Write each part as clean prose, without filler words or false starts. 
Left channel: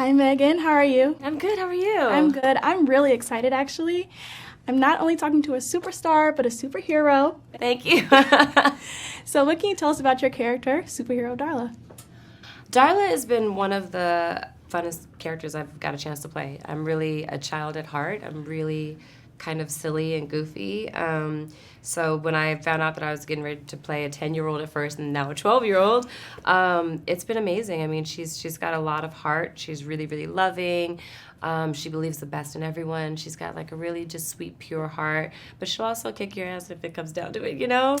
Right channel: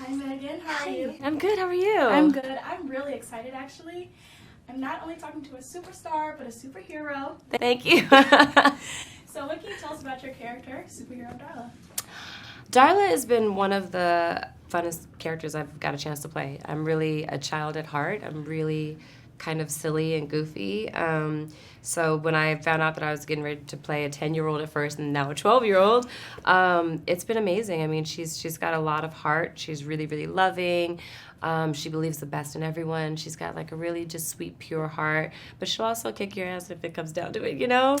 Hi, Megan. How are you? I'm good. How are you? I'm good. I'm really excited, actually. I'm not only talking to a superstar, but a superhero. Thank you. So what can you tell us about your character, superhero Darla? Darla has been one of the funnest characters I've got a chance to play. I'm really a child at heart. I'm really kind of silly and goofy. So when I found out that I was getting ready to play a 10-year-old at first and now a 12-year-old, it's been amazing. I mean, she's got a lot of heart. She's really, really loving. She believes the best in everyone. She's got like a really just sweet, pure heart, but she'll also kick your ass if it comes down to it, you know?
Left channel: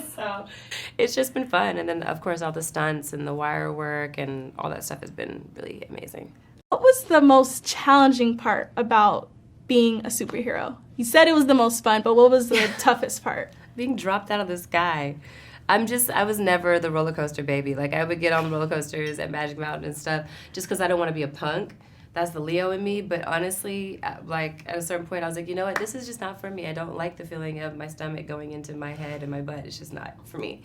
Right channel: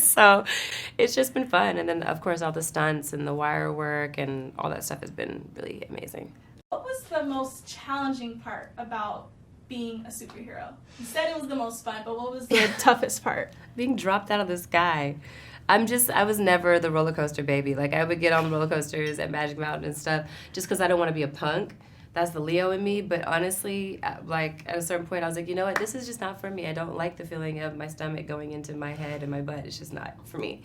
So it's just been fun. And then, of course, all the stunts and the wire work and all that stuff has been really amazing. What was the most challenging part about being a superhero? You said it was the most fun, but what was the toughest part? Being dropped out of the sky. I was never the roller coaster baby. Like, I would get on the roller coasters at Magic Mountain and stuff just because I don't want to be a punk. That's the Leo in me. But honestly, like, at a certain point, I was like, you know what? This is just not for me. I don't like the feeling of my stomach going into my head and my butt. It's just not for me.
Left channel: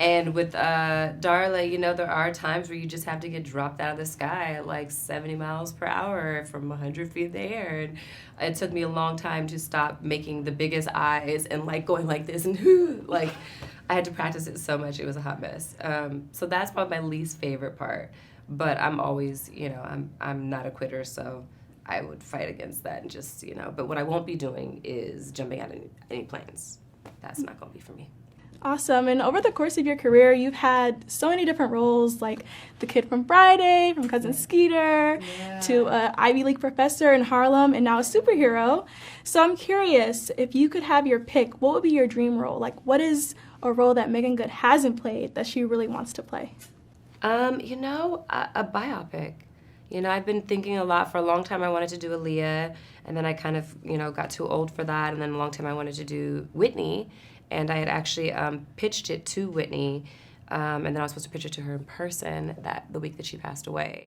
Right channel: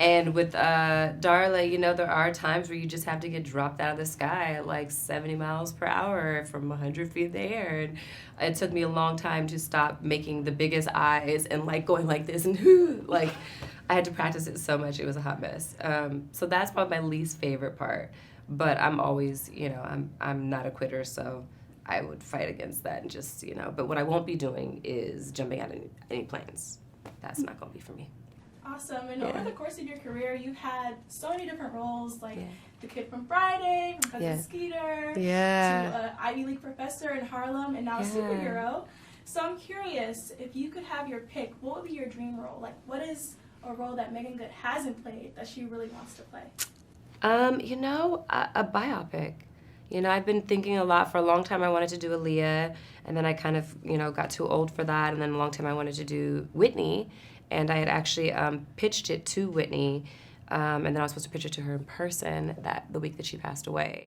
And with Darla, you know, there are times where you just have to get dropped out of the sky at like 70 miles per hour from 100 feet in the air. And it took me a long time to stop making the biggest eyes and like going like this and like, I had to practice it so much. It was a hot mess. So that's probably my least favorite part. But I'm always, you know, I'm not a quitter, so I would fight against that and just, you know. But what I won't be doing is jumping out of any planes. That's not going to be for me. Awesome. And over the course of your career, you've had so many different roles, like the kid from Friday, from Cousin Skeeter, to an Ivy League professor in Harlem, and now a superhero. So I'm curious, if you could have your pick, what would be your dream role? Like, what is a role that Meagan Good hasn't played that she really wants to play? You know, a biopic. You know, I've been thinking a lot for a long time. I wanted to do Aaliyah, and then I kind of, you know, got too old for that. And then a long time I wanted to do Whitney, and I had actually pitched it to Whitney, and then I was supposed to pitch it to her in person the week that she passed away.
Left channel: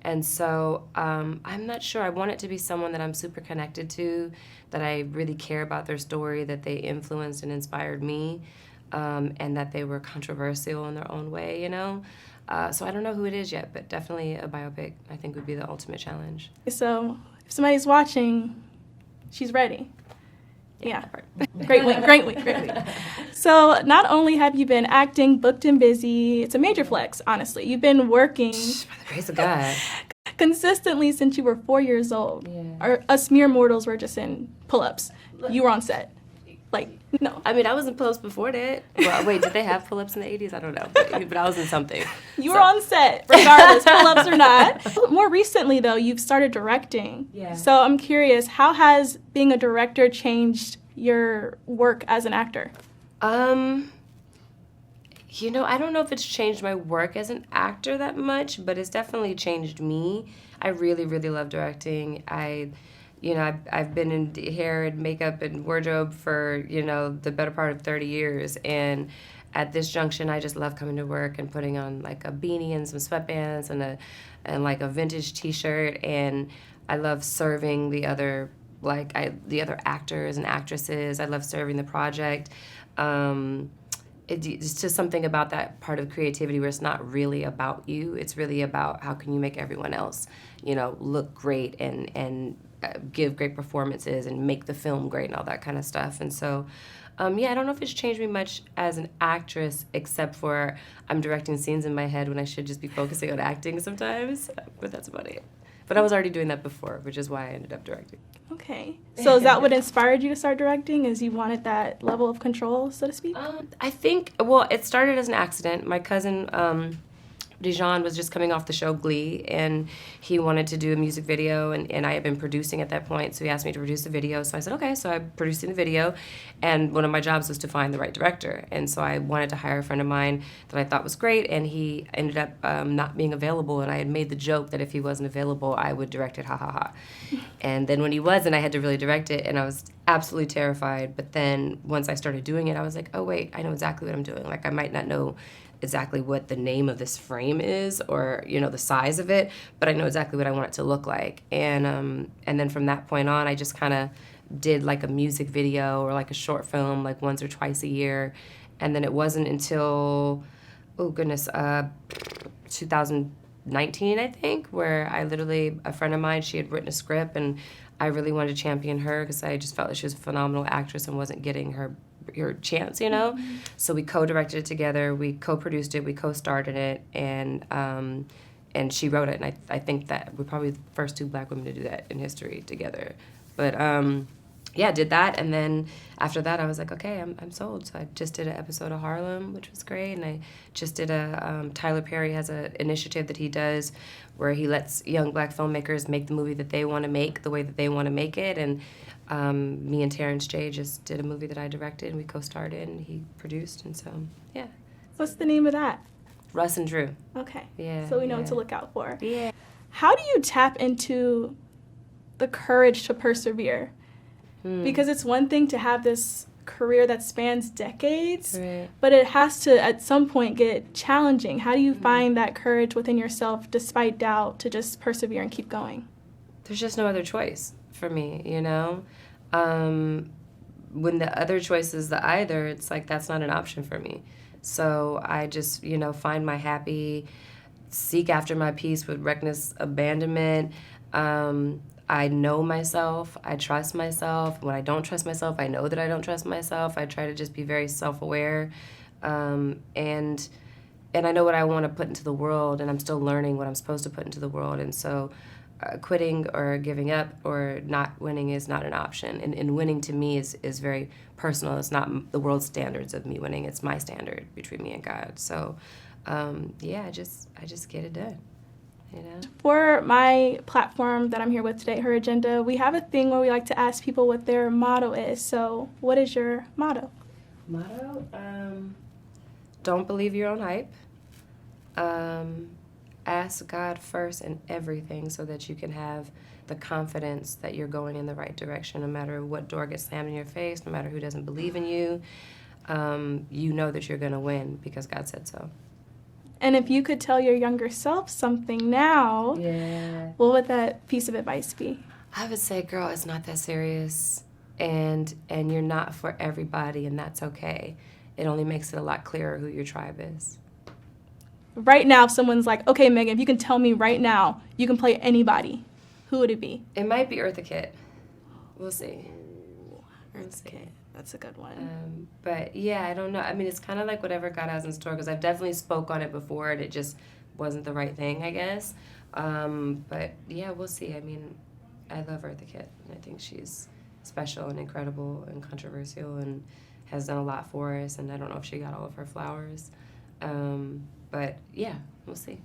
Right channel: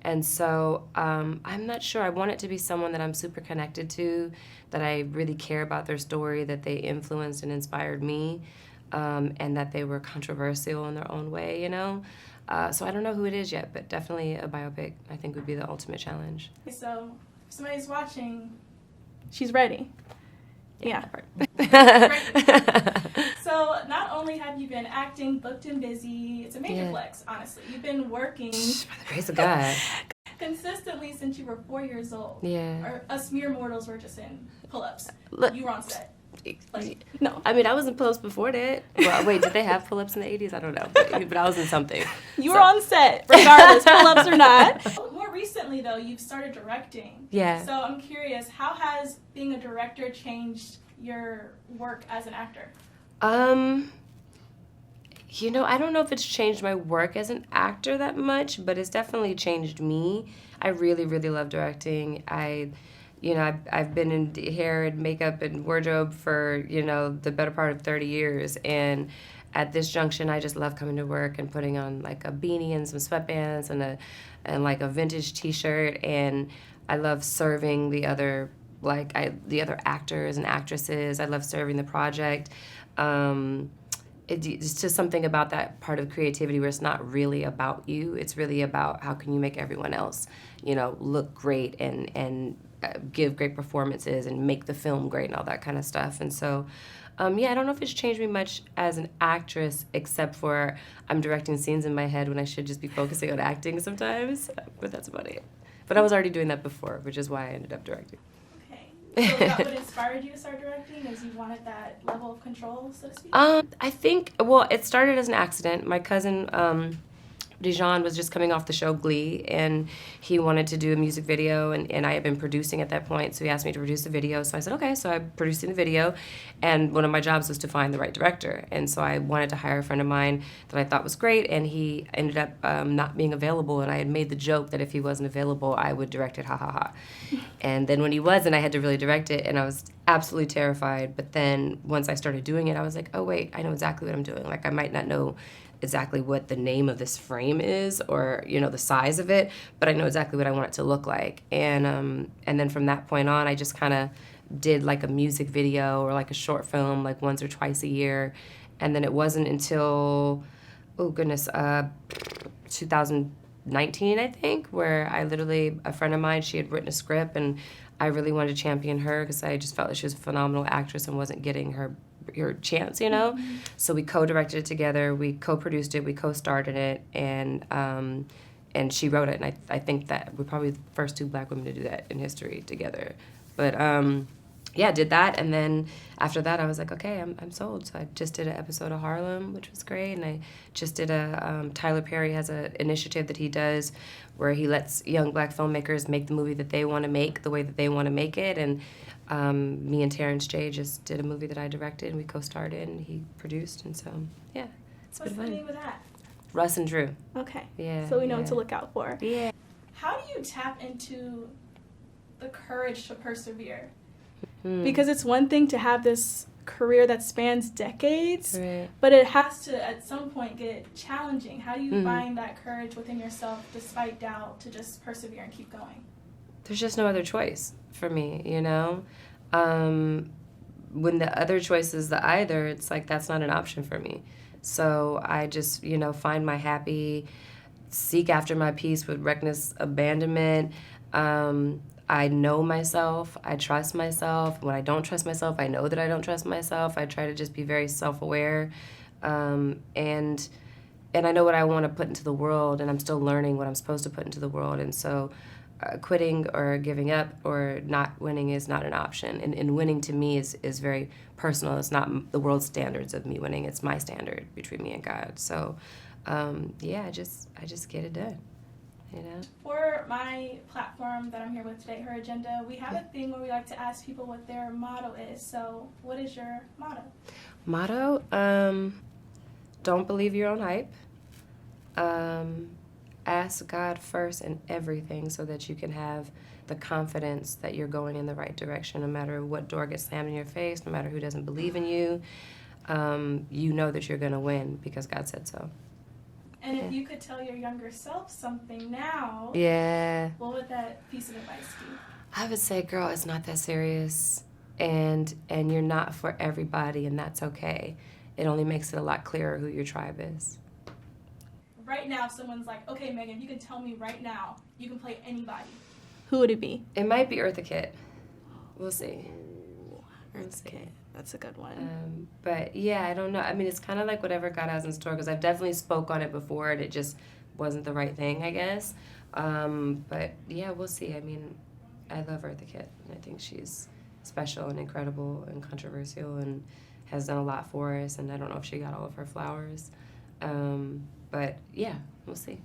And so I'm not sure. I want it to be someone that I'm super connected to, that I really care about their story, that they influenced and inspired me. And that they were controversial in their own way, you know? So I don't know who it is yet, but definitely a biopic, I think, would be the ultimate challenge. So if somebody's watching, she's ready. Yeah. Greatly. So not only have you been acting, booked and busy, it's a major flex, honestly. You've been working... By the grace of God. Consistently since you were 4 years old. Yeah. Us mere mortals were just in pull-ups. You were on set. Like, no. I mean, I was in pull-ups before that. Well, wait, did they have pull-ups in the 80s? I don't know. But I was in something. You were on set, regardless, pull-ups or not. More recently, though, you've started directing. Yeah. So I'm curious, how has being a director changed your work as an actor? You know, I don't know if it's changed my work as an actor that much, but it's definitely changed me. I really, really love directing. You know, I've been in hair and makeup and wardrobe for, you know, the better part of 30 years. And at this junction, I just love coming to work and putting on like a beanie and some sweatbands and like a vintage T-shirt. And I love serving the other actors and actresses. I love serving the project. It's just something about that part of creativity where it's not really about you. It's really about how can you make everyone else, you know, look great and give great performances and make the film great and all that kind of stuff. And so, I don't know if it's changed me much as an actress, except for I'm directing scenes in my head when I should just be focusing on acting sometimes. But that's about it. But I was already doing that before, which is why I ended up directing. Okay. So is that what inspired you to start directing, is you wanted that level of control, so to speak? I think, well, it started as an accident. My cousin... Dijon was just coming off the show Glee, and he wanted to do a music video, and I had been producing at that point, so he asked me to produce the video. So I said, okay, so I'm producing the video, and one of my jobs was to find the right director. And so I wanted to hire a friend of mine that I thought was great, and he ended up not being available, and I had made the joke that if he wasn't available, I would direct it, ha ha ha. And then when he wasn't, I had to really direct it, and I was absolutely terrified. But then once I started doing it, I was like, oh wait, I know exactly what I'm doing. Like, I might not know exactly what the name of this frame is or, you know, the size of it, but I know exactly what I want it to look like. And then from that point on, I just kind of did like a music video or like a short film like once or twice a year. And then it wasn't until, 2000 19, I think, where I literally, a friend of mine, she had written a script, and I really wanted to champion her because I just felt like she was a phenomenal actress and wasn't getting her chance, you know? Mm-hmm. So we co-directed it together, we co-produced it, we co-starred in it, and she wrote it, and I think that we're probably the first 2 Black women to do that in history together. But yeah, did that, and then after that I was like, okay, I'm sold. So I just did an episode of Harlem, which was great, and I just did Tyler Perry has an initiative that he does where he lets young Black filmmakers make the movie that they want to make the way that they want to make it, and me and Terrence J just did a movie that I directed, and we co-starred in, and he produced, and so, yeah. So what's the name of that? Russ and Drew. Okay. Yeah. So we know what to look out for. Yeah. How do you tap into the courage to persevere? Because it's one thing to have this career that spans decades, right, but it has to, at some point, get challenging. How do you find that courage within yourself, despite doubt, to just persevere and keep going? There's just no other choice for me, you know? When the other choice is the either, it's like that's not an option for me. So I just, you know, find my happy, seek after my peace with reckless abandonment. I know myself. I trust myself. When I don't trust myself, I know that I don't trust myself. I try to just be very self-aware. And I know what I want to put into the world, and I'm still learning what I'm supposed to put into the world. And so quitting or giving up or not winning is not an option. And winning to me is very personal. It's not the world's standards of me winning. It's my standard between me and God. So, yeah, I just get it done. You know? For my platform that I'm here with today, Her Agenda, we have a thing where we like to ask people what their motto is. So what is your motto? Motto? Don't believe your own hype. Ask God first in everything so that you can have the confidence that you're going in the right direction, no matter what door gets slammed in your face, no matter who doesn't believe in you. You know that you're going to win because God said so. And if you could tell your younger self something now, what would that piece of advice be? I would say, girl, it's not that serious, and you're not for everybody, and that's okay. It only makes it a lot clearer who your tribe is. Right now, if someone's like, okay, Meagan, if you can tell me right now, you can play anybody, who would it be? It might be Eartha Kitt. We'll see. Eartha Kitt. That's a good one. But yeah, I don't know. I mean, it's kind of like whatever God has in store, because I've definitely spoke on it before and it just wasn't the right thing, I guess. But yeah, we'll see. I mean, I love Eartha Kitt, and I think she's special and incredible and controversial and has done a lot for us, and I don't know if she got all of her flowers. But yeah, we'll see.